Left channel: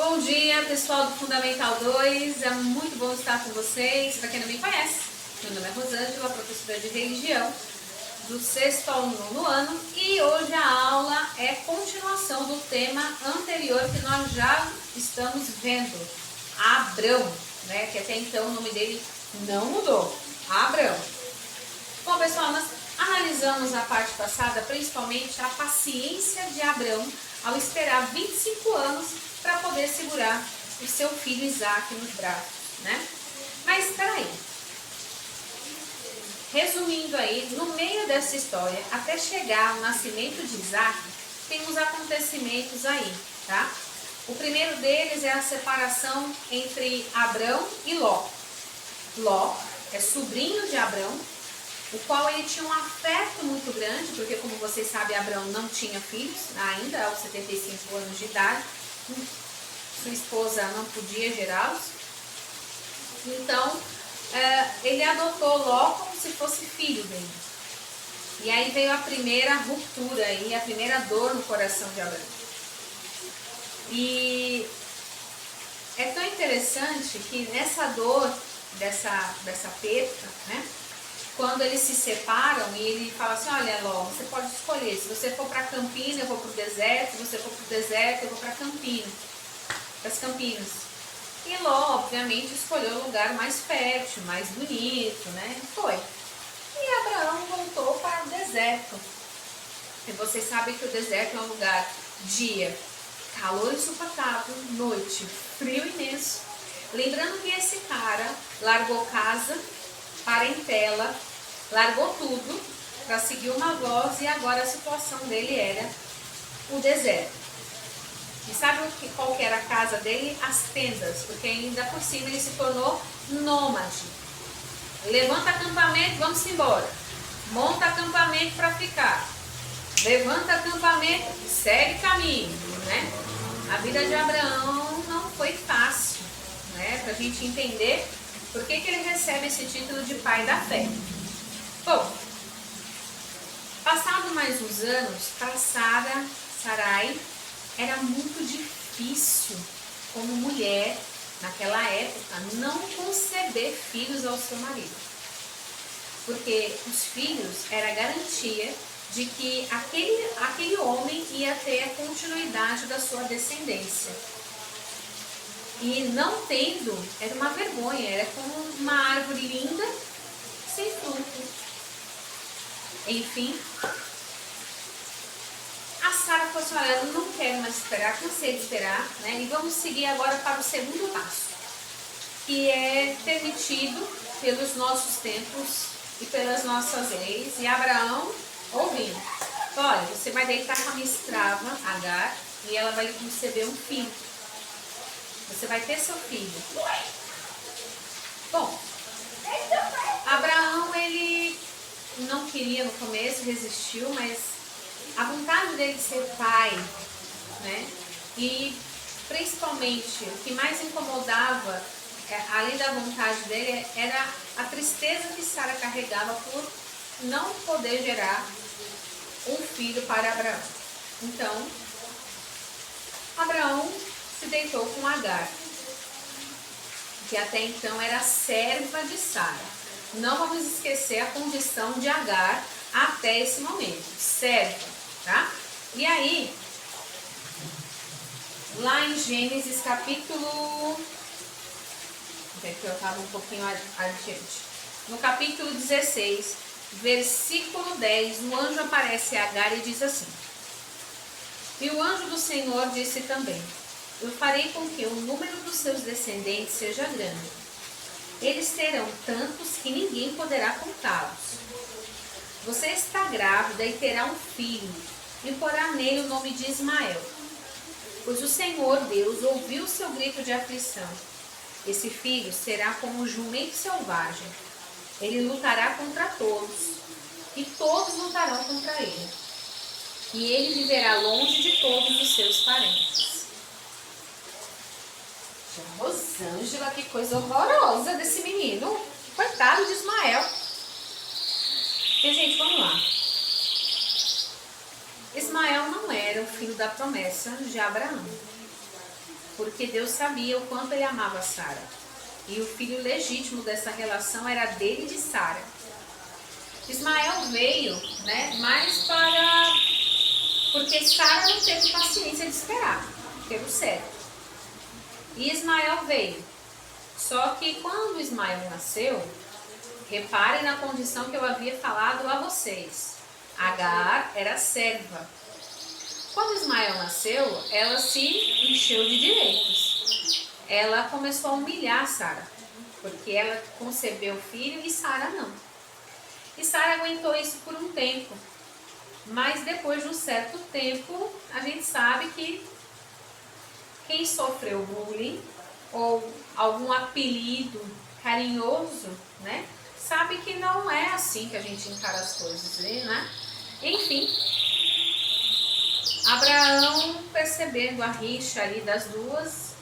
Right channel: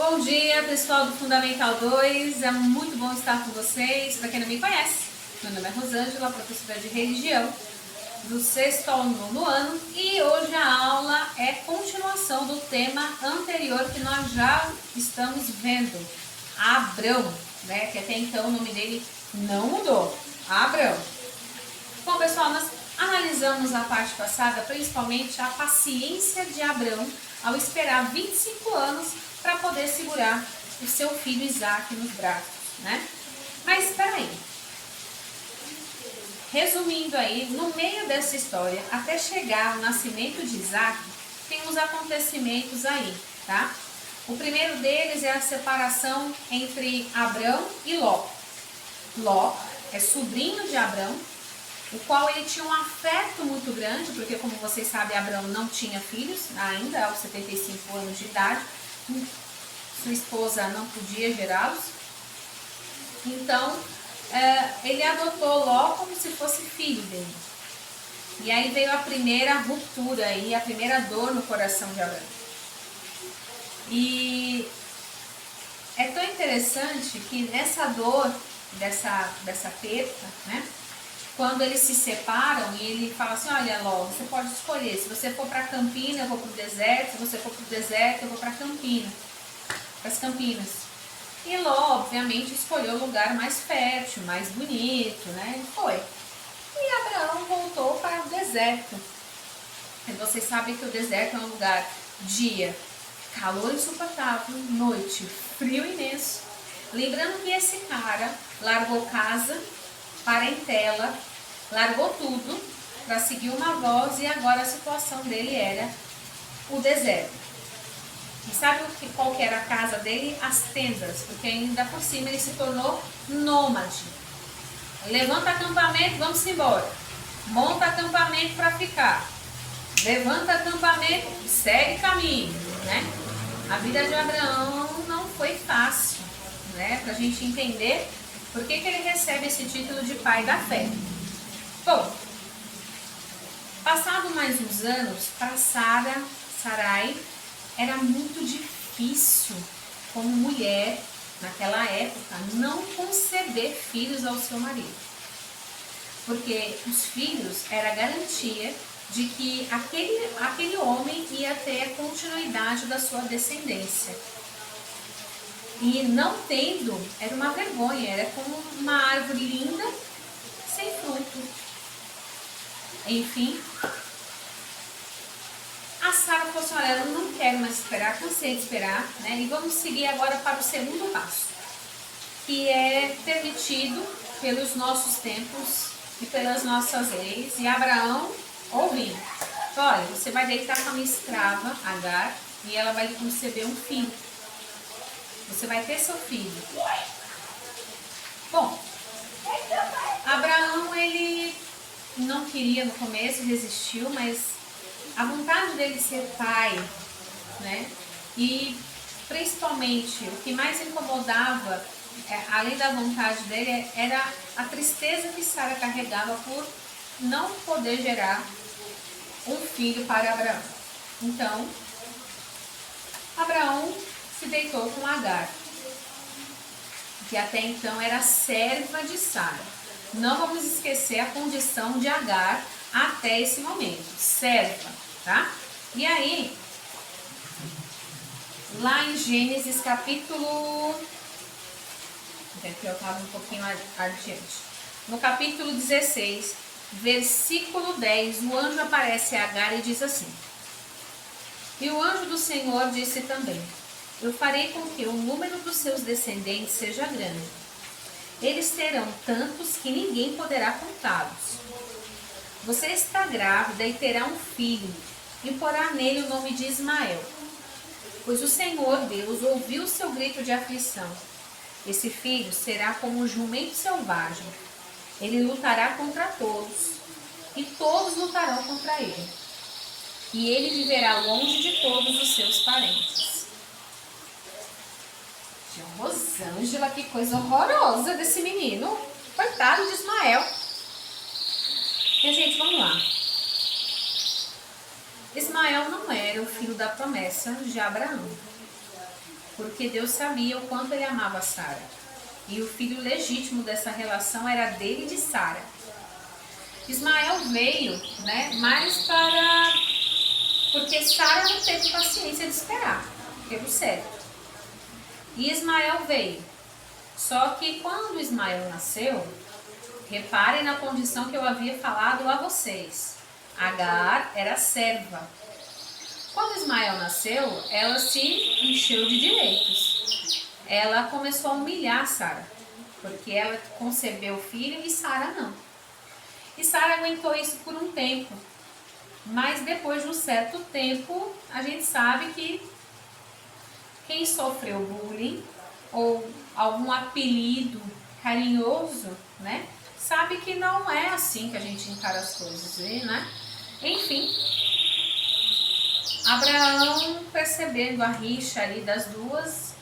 Bom dia, pessoal do Fundamental 2, é muito bom estar com vocês. Para quem não me conhece, meu nome é Rosângela, professora de religião do 6º ao 9º ano, e hoje a aula é continuação do tema anterior que nós já estamos vendo, Abrão, né? Que até então o nome dele não mudou, Abrão. Bom, pessoal, nós analisamos na parte passada principalmente a paciência de Abrão ao esperar 25 anos para poder segurar o seu filho Isaac nos braços, né? Mas espera aí. Resumindo aí, no meio dessa história, até chegar ao nascimento de Isaac, tem uns acontecimentos aí, tá? O primeiro deles é a separação entre Abrão e Ló. Ló é sobrinho de Abrão, o qual ele tinha um afeto muito grande, porque como vocês sabem, Abrão não tinha filhos ainda, aos 75 anos de idade, sua esposa não podia gerá-los, então ele adotou Ló como se fosse filho dele. E aí veio a primeira ruptura, aí, a primeira dor no coração de Abrão. E é tão interessante que nessa dor, dessa perda, né? Quando eles se separam e ele fala assim, olha Ló, você pode escolher, se você for para Campina eu vou para o deserto, se você for para o deserto eu vou para Campina, para as Campinas. E Ló, obviamente, escolheu o lugar mais fértil, mais bonito, né? E foi. E Abraão voltou para o deserto. E vocês sabem que o deserto é um lugar, dia, calor insuportável, noite, frio imenso. Lembrando que esse cara largou casa, parentela, largou tudo para seguir uma voz e agora a situação dele era o deserto. E sabe qual que era a casa dele? As tendas, porque ainda por cima ele se tornou nômade. Levanta acampamento, vamos embora. Monta acampamento para ficar. Levanta acampamento, segue caminho, né? A vida de Abraão não foi fácil, né? Para a gente entender por que ele recebe esse título de pai da fé. Bom, passado mais uns anos, para Sarai, era muito difícil, como mulher, naquela época, não conceber filhos ao seu marido. Porque os filhos era garantia de que aquele homem ia ter a continuidade da sua descendência. E não tendo, era uma vergonha, era como uma árvore linda, sem fruto. Enfim, a Sara falou assim, olha, eu não quero mais esperar, cansei de esperar, né? E vamos seguir agora para o segundo passo, que é permitido pelos nossos tempos e pelas nossas leis. E Abraão, ouvindo, olha, você vai deitar com a minha escrava, Agar, e ela vai lhe conceber um filho. Você vai ter seu filho. Bom, Abraão, ele não queria no começo, resistiu, mas a vontade dele de ser pai, né? E principalmente o que mais incomodava, além da vontade dele, era a tristeza que Sara carregava por não poder gerar um filho para Abraão. Então, Abraão se deitou com Agar, que até então era serva de Sara. Não vamos esquecer a condição de Agar até esse momento, serva, tá? E aí, lá em Gênesis capítulo... Aqui eu estava um pouquinho adiante. No capítulo 16, versículo 10, o anjo aparece a Agar e diz assim, e o anjo do Senhor disse também, eu farei com que o número dos seus descendentes seja grande. Eles serão tantos que ninguém poderá contá-los. Você está grávida e terá um filho, e porá nele o nome de Ismael. Pois o Senhor Deus ouviu o seu grito de aflição. Esse filho será como um jumento selvagem. Ele lutará contra todos, e todos lutarão contra ele. E ele viverá longe de todos os seus parentes. Rosângela, que coisa horrorosa desse menino. Coitado de Ismael. E, gente, vamos lá. Ismael não era o filho da promessa de Abraão. porque Deus sabia o quanto ele amava Sara. E o filho legítimo dessa relação era dele e de Sara. Ismael veio, né, mais para... porque Sara não teve paciência de esperar, pelo certo. E Ismael veio. Só que quando Ismael nasceu, reparem na condição que eu havia falado a vocês. Agar era serva. Quando Ismael nasceu, ela se encheu de direitos. Ela começou a humilhar Sara, porque ela concebeu o filho e Sara não. E Sara aguentou isso por um tempo. Mas depois de um certo tempo, a gente sabe que quem sofreu bullying ou algum apelido carinhoso, né, sabe que não é assim que a gente encara as coisas, né? Enfim, Abraão, percebendo a rixa ali das duas,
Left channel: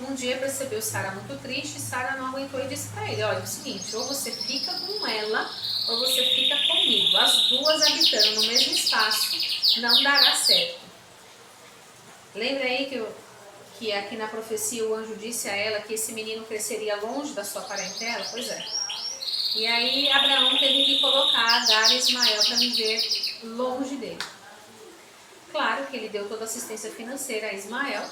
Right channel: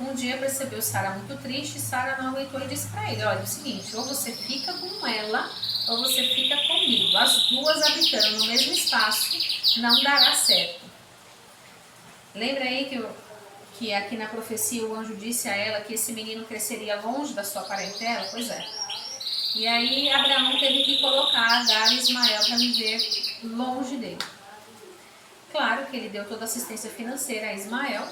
um dia percebeu Sara muito triste, e Sara não aguentou e disse para ele: olha, é o seguinte, ou você fica com ela ou você fica comigo. As duas habitando no mesmo espaço não dará certo. Lembra aí que aqui na profecia o anjo disse a ela que esse menino cresceria longe da sua parentela? Pois é. E aí Abraão teve que colocar Agar e Ismael para viver longe dele. Claro que ele deu toda a assistência financeira a Ismael,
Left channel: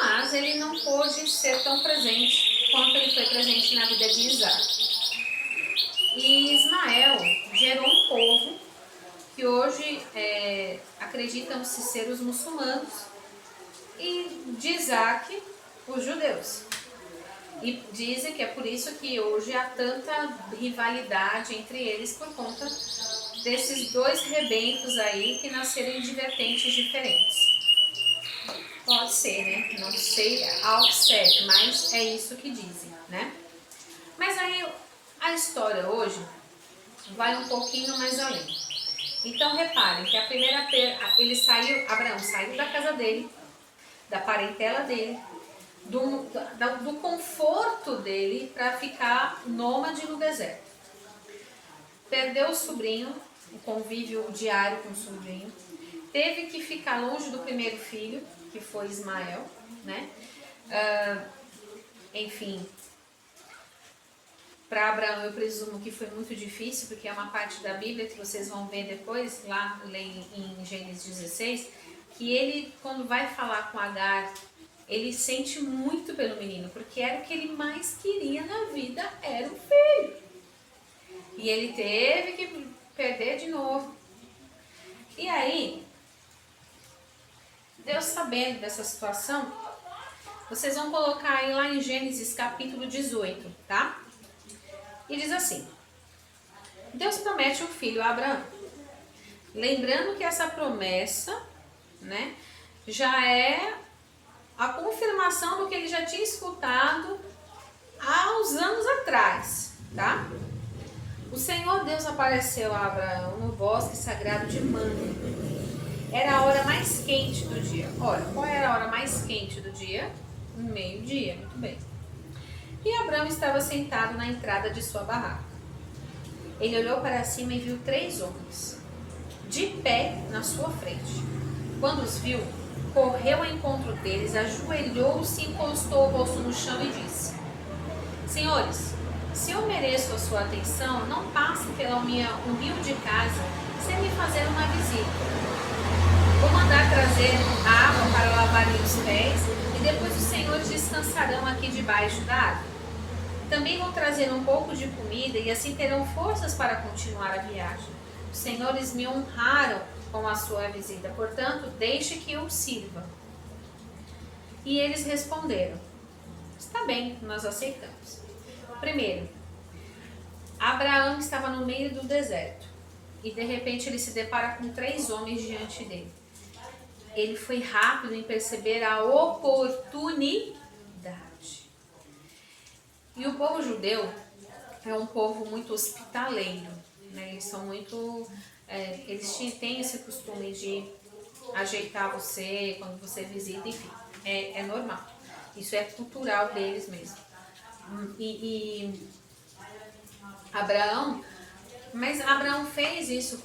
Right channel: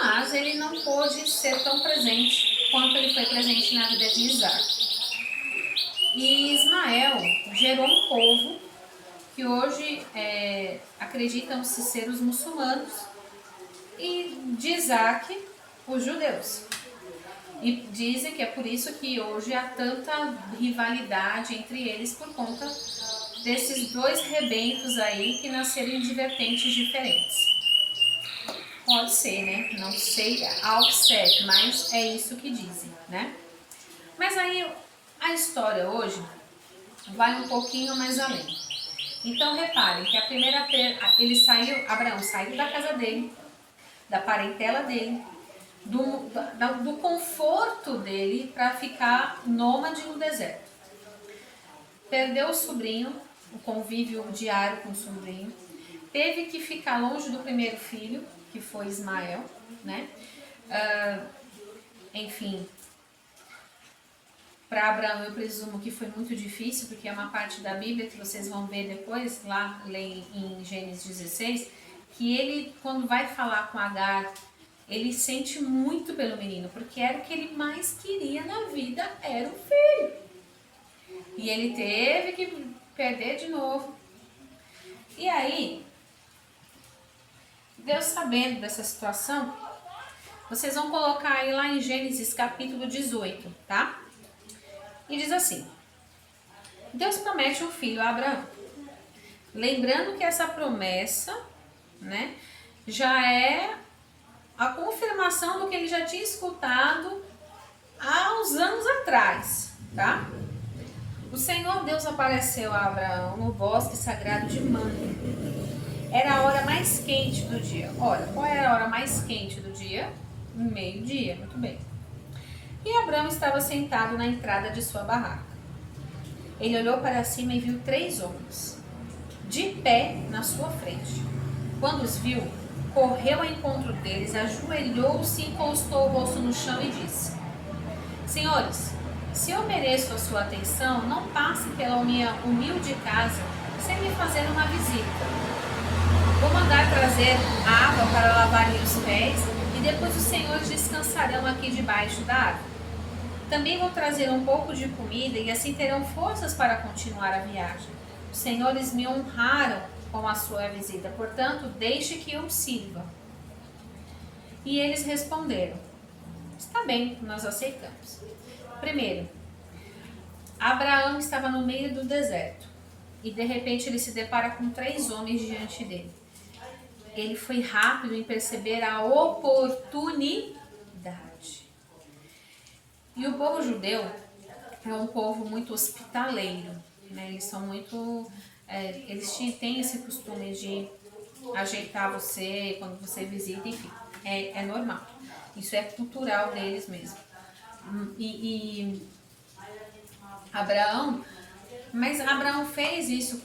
mas ele não pôde ser tão presente quanto ele foi presente na vida de Isaac. E Ismael gerou um povo que hoje acreditam-se ser os muçulmanos, e de Isaac, os judeus. E dizem que é por isso que hoje há tanta rivalidade entre eles, por conta desses dois rebentos aí que nasceram em vertentes diferentes. Pode ser, né? Não sei ao certo, mas é isso que dizem, né? Mas aí a história hoje vai um pouquinho mais além. Então reparem que Abraão saiu da casa dele, da parentela dele, do conforto dele para ficar nômade no deserto. Perdeu o sobrinho, o convívio diário com o sobrinho, teve que ficar longe do primeiro filho, que foi Ismael, né? Enfim, para Abraão eu presumo que foi muito difícil, porque é uma parte da Bíblia que vocês vão ver depois, lá em Gênesis 16, que ele, quando vai falar com Agar, ele sente muito pelo menino, porque era o que ele mais queria na vida, era o filho. E ele teve que perder de novo. E aí, Deus sabendo dessa situação, vocês vão colocar aí lá em Gênesis capítulo 18, tá? E diz assim: Deus promete um filho a Abraão. Lembrando que essa promessa, né, já é a confirmação do que ele já tinha escutado há uns anos atrás, tá? O Senhor Deus apareceu a Abraão no bosque sagrado de Mamre. Era a hora mais quente do dia. Olha, qual era a hora mais quente do dia? Meio-dia, muito bem. E Abraão estava sentado na entrada de sua barraca. Ele olhou para cima e viu 3 homens, de pé na sua frente. Quando os viu, correu ao encontro deles, ajoelhou-se, encostou o rosto no chão e disse: Senhores, se eu mereço a sua atenção, não passe pela minha humilde casa sem me fazer uma visita. Vou mandar trazer água para lavarem os pés e depois os senhores descansarão aqui debaixo da árvore. Também vou trazer um pouco de comida e assim terão forças para continuar a viagem. Os senhores me honraram com a sua visita, portanto, deixe que eu sirva. E eles responderam: está bem, nós aceitamos. Primeiro, Abraão estava no meio do deserto e de repente ele se depara com 3 homens diante dele. Ele foi rápido em perceber a oportunidade. E o povo judeu é um povo muito hospitaleiro, né? Eles são muito... eles têm esse costume de ajeitar você quando você visita, enfim, é normal. Isso é cultural deles mesmo. Mas Abraão fez isso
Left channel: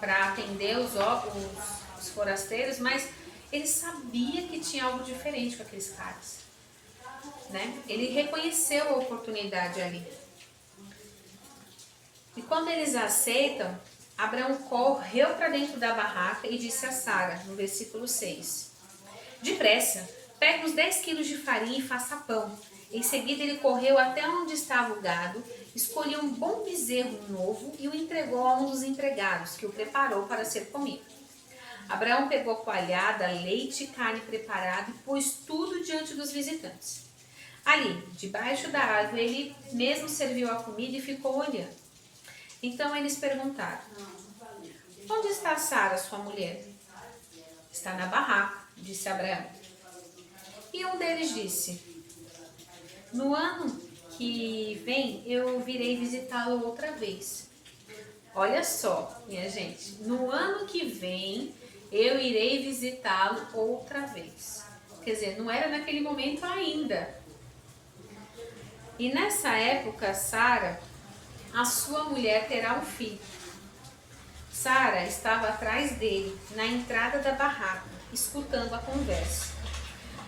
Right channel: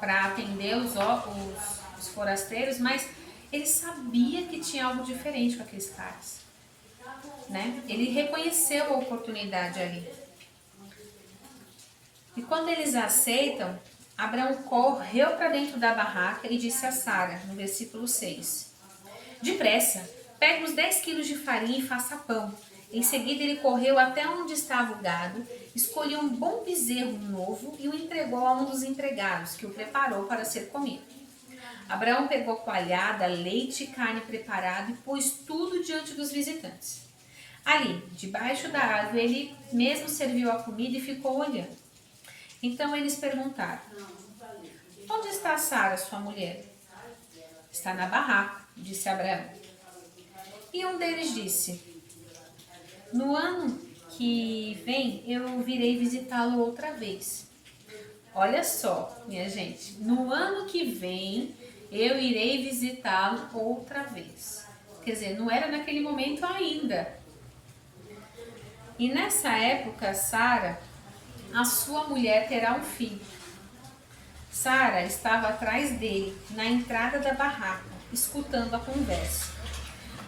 para atender os forasteiros, mas ele sabia que tinha algo diferente com aqueles caras, né? Ele reconheceu a oportunidade ali. E quando eles aceitam, Abraão correu para dentro da barraca e disse a Sara, no versículo 6, depressa, pegue os 10 quilos de farinha e faça pão. Em seguida ele correu até onde estava o gado, escolheu um bom bezerro novo e o entregou a um dos empregados, que o preparou para ser comido. Abraão pegou coalhada, leite e carne preparada e pôs tudo diante dos visitantes. Ali, debaixo da árvore, ele mesmo serviu a comida e ficou olhando. Então eles perguntaram, onde está Sara, sua mulher? Está na barraca, disse Abraão. E um deles disse, no ano que vem eu virei visitá-lo outra vez. Olha só, minha gente, no ano que vem eu irei visitá-lo outra vez. Quer dizer, não era naquele momento ainda. E nessa época, Sara, a sua mulher, terá um filho. Sara estava atrás dele, na entrada da barraca, escutando a conversa.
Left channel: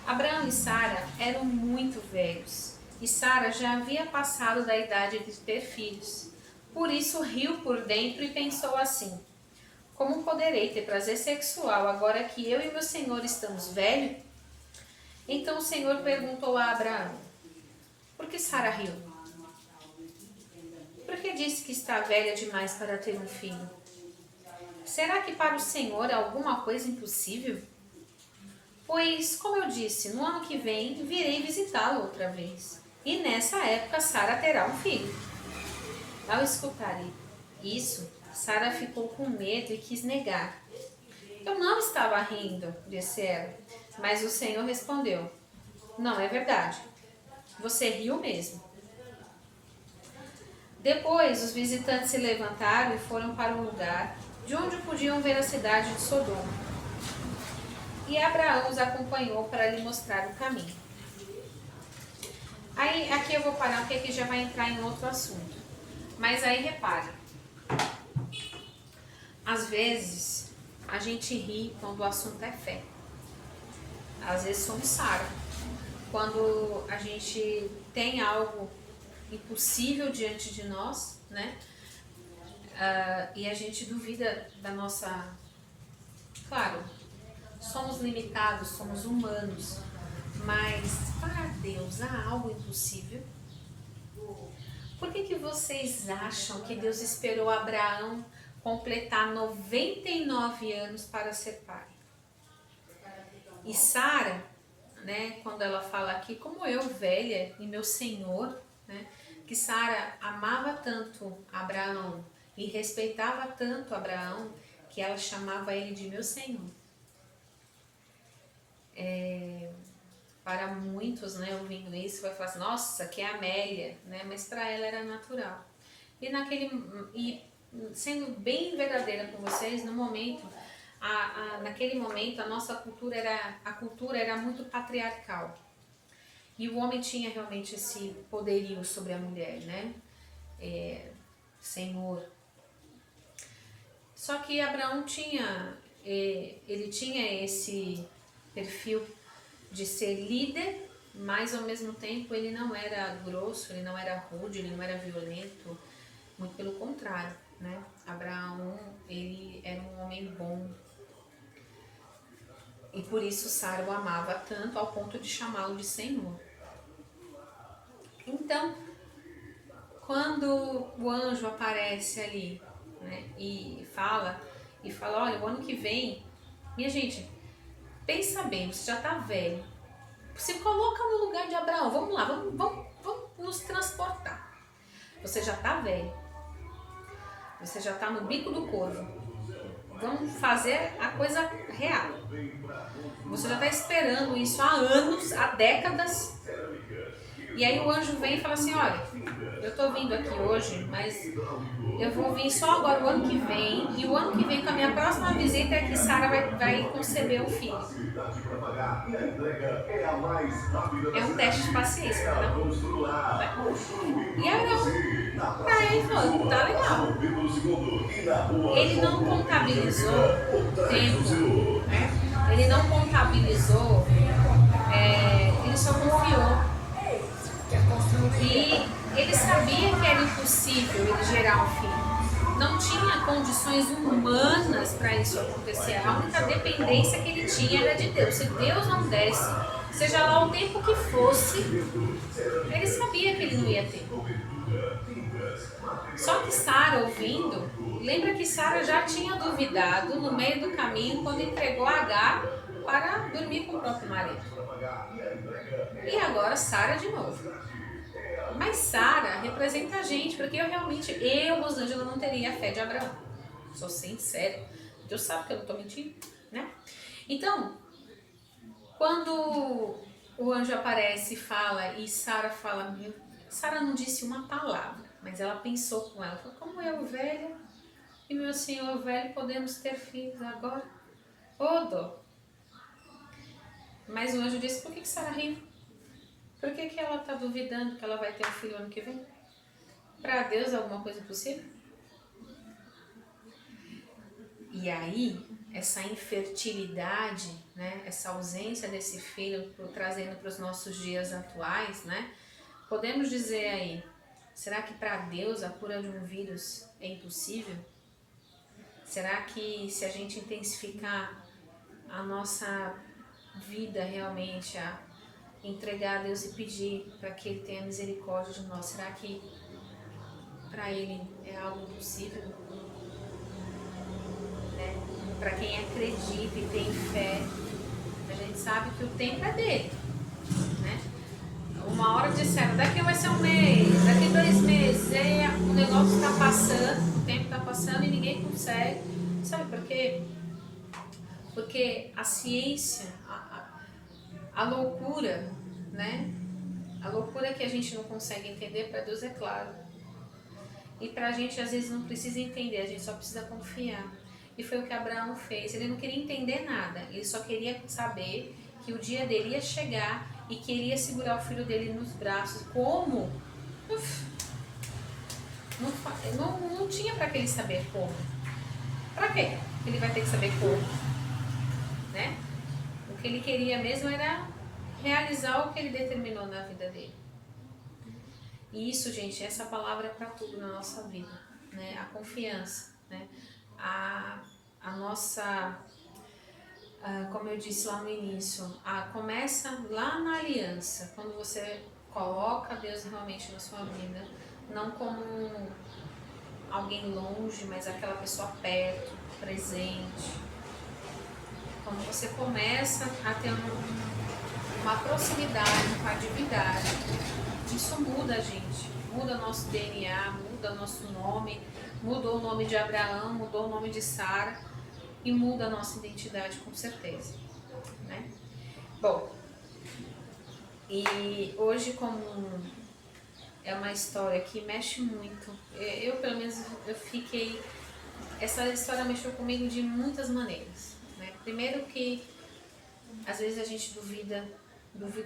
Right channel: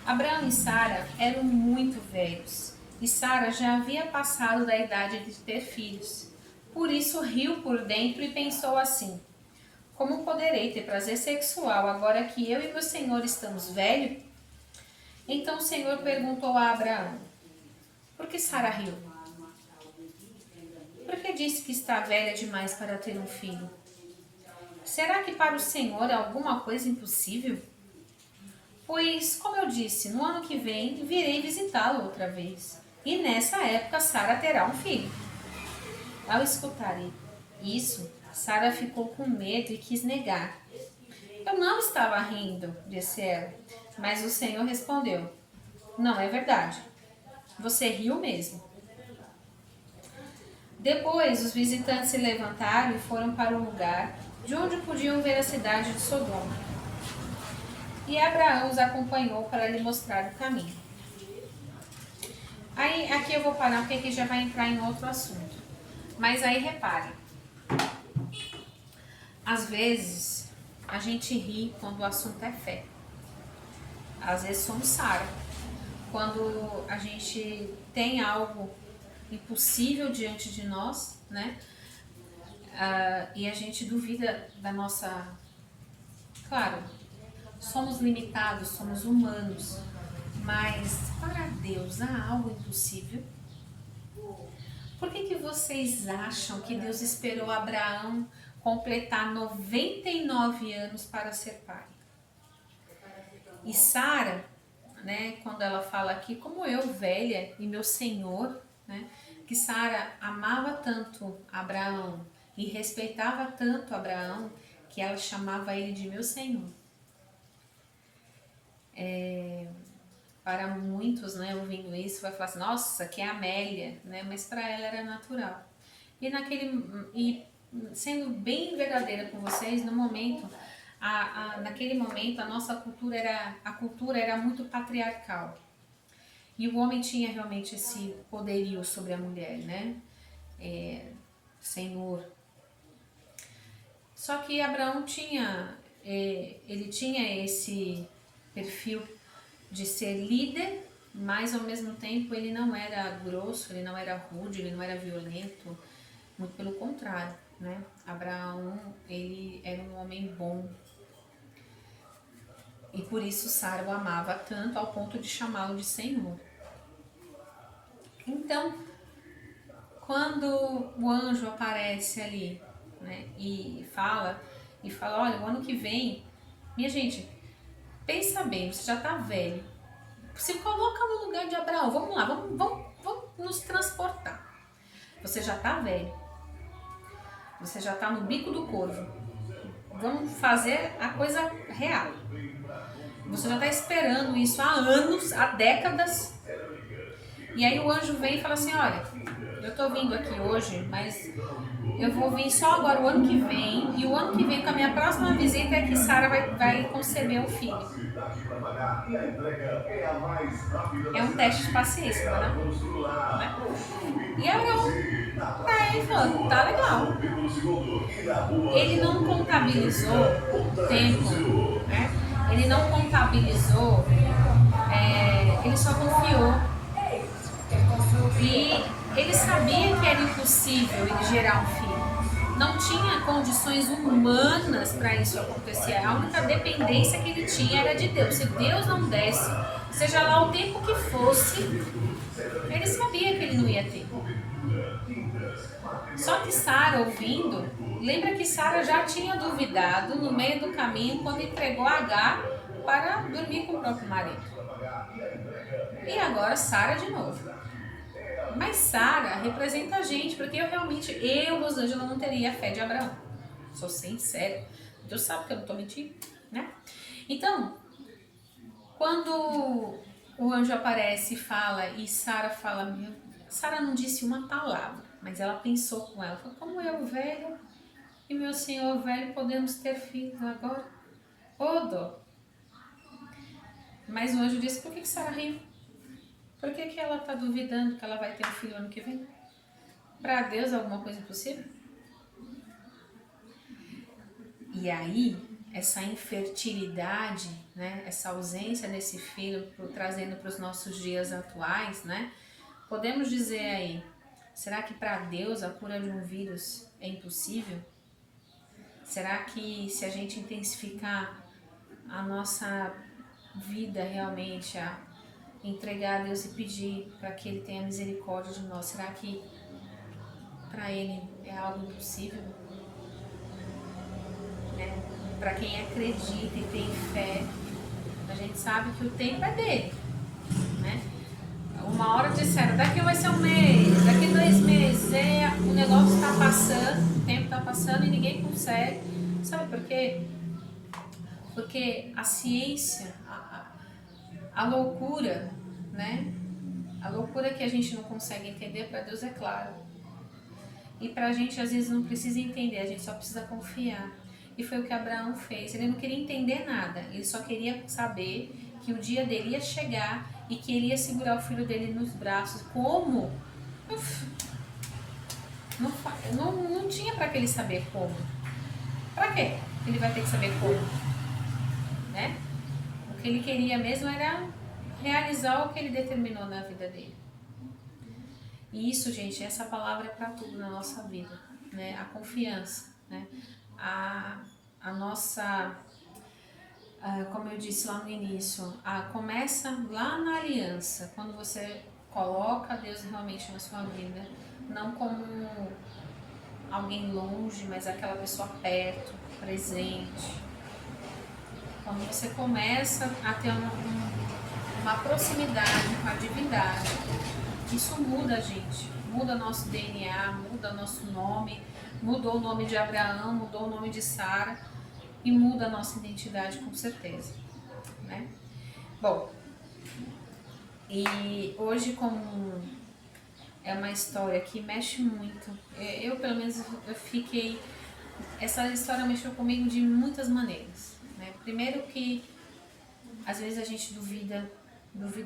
Abraão e Sara eram muito velhos, e Sara já havia passado da idade de ter filhos. Por isso riu por dentro e pensou assim, como poderei ter prazer sexual agora que eu e meu senhor estamos velhos? Então o Senhor perguntou a Abraão, por que Sara riu? Por que disse que está velha demais para ter um filho? Será que para o Senhor é alguma coisa impossível? Pois, como eu disse, no ano que vem virei visitá-lo outra vez, e nessa época Sara terá um filho. Ao escutar isso, Sara ficou com medo e quis negar. Eu não estava rindo, disse ela, mas o Senhor respondeu, não é verdade, você riu mesmo. Depois, os visitantes se levantaram e foram para o lugar de onde podiam ver a cidade de Sodoma. E Abraão os acompanhou para lhe mostrar o caminho. Aí, aqui eu vou parar, porque aqui já vai entrar em outro assunto. Mas aí repare, às vezes a gente ri quando o assunto é fé. Às vezes somos Sara. Quando a gente tem algo impossível diante de nós, né? E a gente duvida da nossa... Claro, somos limitados, somos humanos, mas para Deus há algo impossível? Por que vocês acham que Deus esperou Abraão completar 99 anos para ser pai? E Sara, né, quando ela fala aqui, como eu, velha, e meu Senhor, né, que Sara amava tanto Abraão e respeitava tanto Abraão, que ela chamava ele de meu Senhor. Para muitos, né, ouvindo isso, vai falar assim, nossa, que é Amélia, né, mas para ela era natural. E sendo bem verdadeira com vocês, no momento, naquele momento a nossa cultura era muito patriarcal. E o homem tinha realmente esse poderio sobre a mulher, né? Senhor. Só que Abraão tinha esse perfil de ser líder, mas ao mesmo tempo ele não era grosso, ele não era rude, ele não era violento, muito pelo contrário, né? Abraão, ele era um homem bom. E por isso Sara o amava tanto ao ponto de chamá-lo de Senhor. Então, quando o anjo aparece ali, né, e fala, olha, o ano que vem, minha gente, pensa bem, você já está velho, se coloca no lugar de Abraão, vamos lá, vamos nos transportar. Você já está velho, você já está no bico do corvo, vamos fazer a coisa real. Você já está esperando isso há anos, há décadas. E aí o anjo vem e fala assim, olha, eu estou vindo aqui hoje, mas eu vou vir só agora o ano que vem. E o ano que vem, com a minha próxima visita, é que Sara vai conceber um filho. É um teste de paciência, não é? E Abraão, ele falou, tá legal. Ele não contabilizou tempo, né? Ele não contabilizou E ele sabia que era impossível ele gerar um filho. Não tinha condições humanas para isso acontecer. A única dependência que ele tinha era de Deus. Se Deus não desse, seja lá o tempo que fosse, ele sabia que ele não ia ter. Só que Sara, ouvindo, lembra que Sara já tinha duvidado no meio do caminho quando entregou Agar para dormir com o próprio marido. E agora Sara de novo. Mas Sara representa a gente, porque eu, Rosângela, não teria a fé de Abraão. Sou sincera. Deus sabe que eu não estou mentindo, né? Então, quando o anjo aparece e fala, e Sara fala, Sara não disse uma palavra, mas ela pensou com ela, falou, como eu, velho, e meu senhor velho, podemos ter filhos agora? Ô dó. Mas o anjo disse, por que Sara riu? Por que ela está duvidando que ela vai ter um filho ano que vem? Para Deus é alguma coisa impossível? E aí, essa infertilidade, né, essa ausência desse filho, trazendo para os nossos dias atuais, né, podemos dizer aí, será que para Deus a cura de um vírus é impossível? Será que se a gente intensificar a nossa vida realmente, a entregar a Deus e pedir para que Ele tenha misericórdia de nós, será que para Ele é algo impossível? Né? Para quem acredita e tem fé, a gente sabe que o tempo é dele, né? Uma hora disseram, daqui vai ser um mês, daqui 2 meses, o negócio está passando, o tempo está passando e ninguém consegue. Sabe por quê? Porque a ciência, a loucura, né? A loucura que a gente não consegue entender, para Deus é claro. E para a gente às vezes não precisa entender, a gente só precisa confiar. E foi o que Abraão fez. Ele não queria entender nada, ele só queria saber que o dia dele ia chegar e que ele ia segurar o filho dele nos braços. Como? Não tinha para que ele saber como. Para quê? Ele vai ter que saber como, né? O que ele queria mesmo era realizar o que ele determinou na vida dele. E isso, gente, essa palavra é para tudo na nossa vida, né? A confiança, né? A nossa, como eu disse lá no início, começa lá na aliança, quando você coloca Deus realmente na sua vida, não como alguém longe, mas aquela pessoa perto, presente. Quando você começa a ter uma proximidade com a divindade, isso muda a gente, muda nosso DNA, muda nosso nome, mudou o nome de Abraão, mudou o nome de Sara e muda a nossa identidade com certeza, né? Bom, e hoje como é uma história que mexe muito, eu pelo menos eu fiquei, essa história mexeu comigo de muitas maneiras, né? Primeiro que às vezes a gente duvida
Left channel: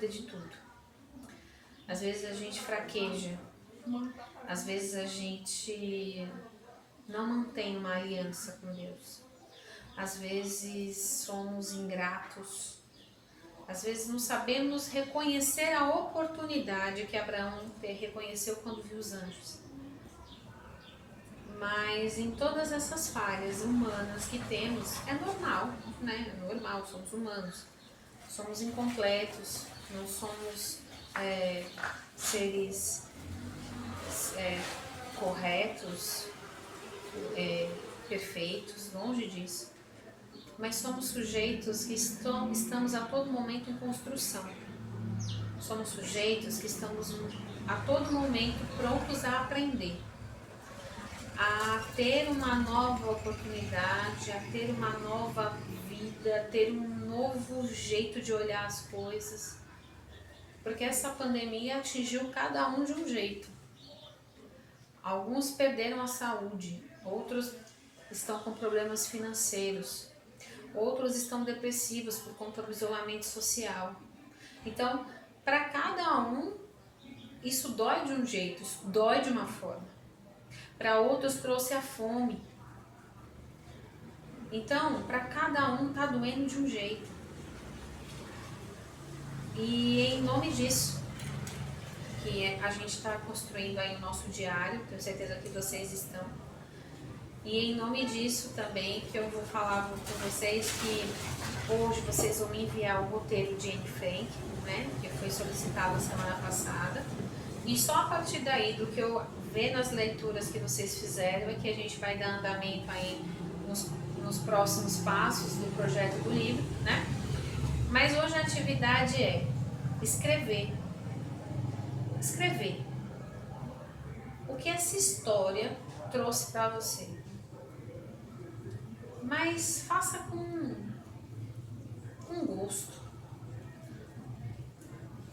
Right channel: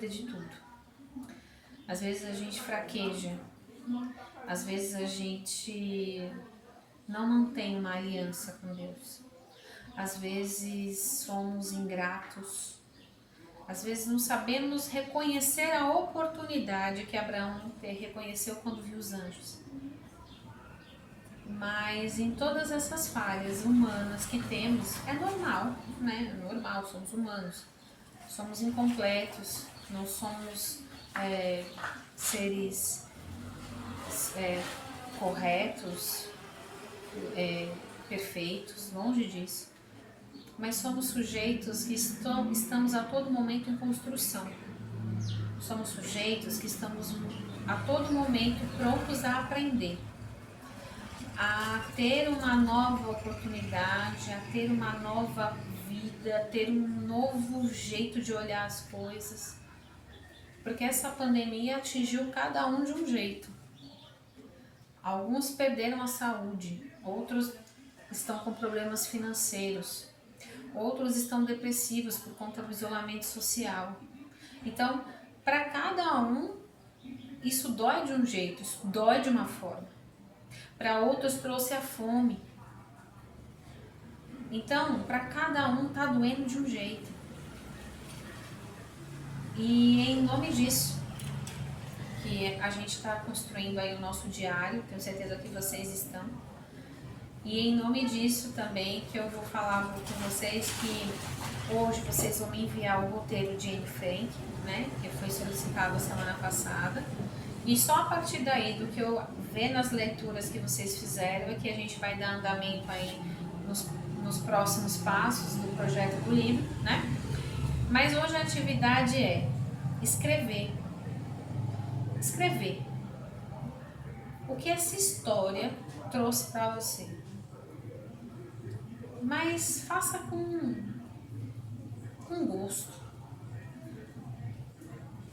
de tudo. Às vezes a gente fraqueja, às vezes a gente não mantém uma aliança com Deus, às vezes somos ingratos, às vezes não sabemos reconhecer a oportunidade que Abraão reconheceu quando viu os anjos. Mas em todas essas falhas humanas que temos, é normal, né? É normal, somos humanos, somos incompletos, não somos seres corretos, perfeitos, longe disso. Mas somos sujeitos que estamos a todo momento em construção. Somos sujeitos que estamos a todo momento prontos a aprender, a ter uma nova oportunidade, a ter uma nova vida, a ter um novo jeito de olhar as coisas. Porque essa pandemia atingiu cada um de um jeito. Alguns perderam a saúde, outros estão com problemas financeiros, outros estão depressivos por conta do isolamento social. Então, para cada um, isso dói de um jeito, isso dói de uma forma. Para outros trouxe a fome. Então, para cada um está doendo de um jeito. E em nome disso, que a gente está construindo aí o nosso diário, tenho certeza que vocês estão. E em nome disso também que eu vou falar com vocês que hoje vocês vão me enviar o roteiro de Anne Frank, né, que foi solicitado semana passada. E só a partir daí, do que eu ver nas leituras que vocês fizeram, é que a gente vai dar andamento aí nos próximos passos do projeto do livro, né? Mas hoje a atividade é escrever. Escrever. O que essa história trouxe para você. Mas faça com gosto.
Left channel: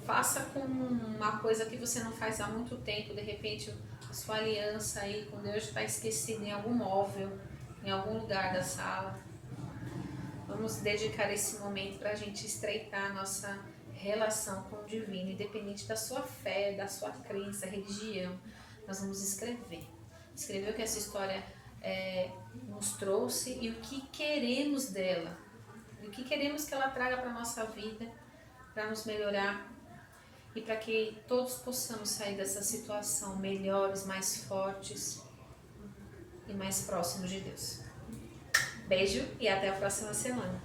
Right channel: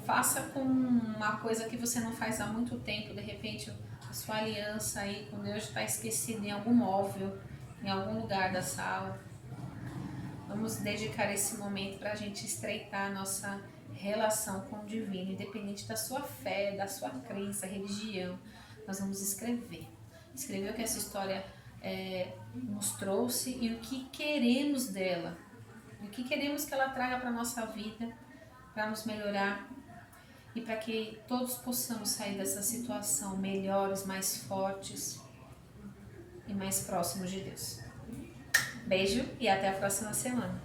Faça com uma coisa que você não faz há muito tempo. De repente a sua aliança aí com Deus está esquecida em algum móvel, em algum lugar da sala. Vamos dedicar esse momento para a gente estreitar a nossa relação com o divino, independente da sua fé, da sua crença, religião. Nós vamos escrever. Escrever o que essa história nos trouxe e o que queremos dela. E o que queremos que ela traga para a nossa vida, para nos melhorar e para que todos possamos sair dessa situação melhores, mais fortes e mais próximos de Deus. Beijo e até a próxima semana.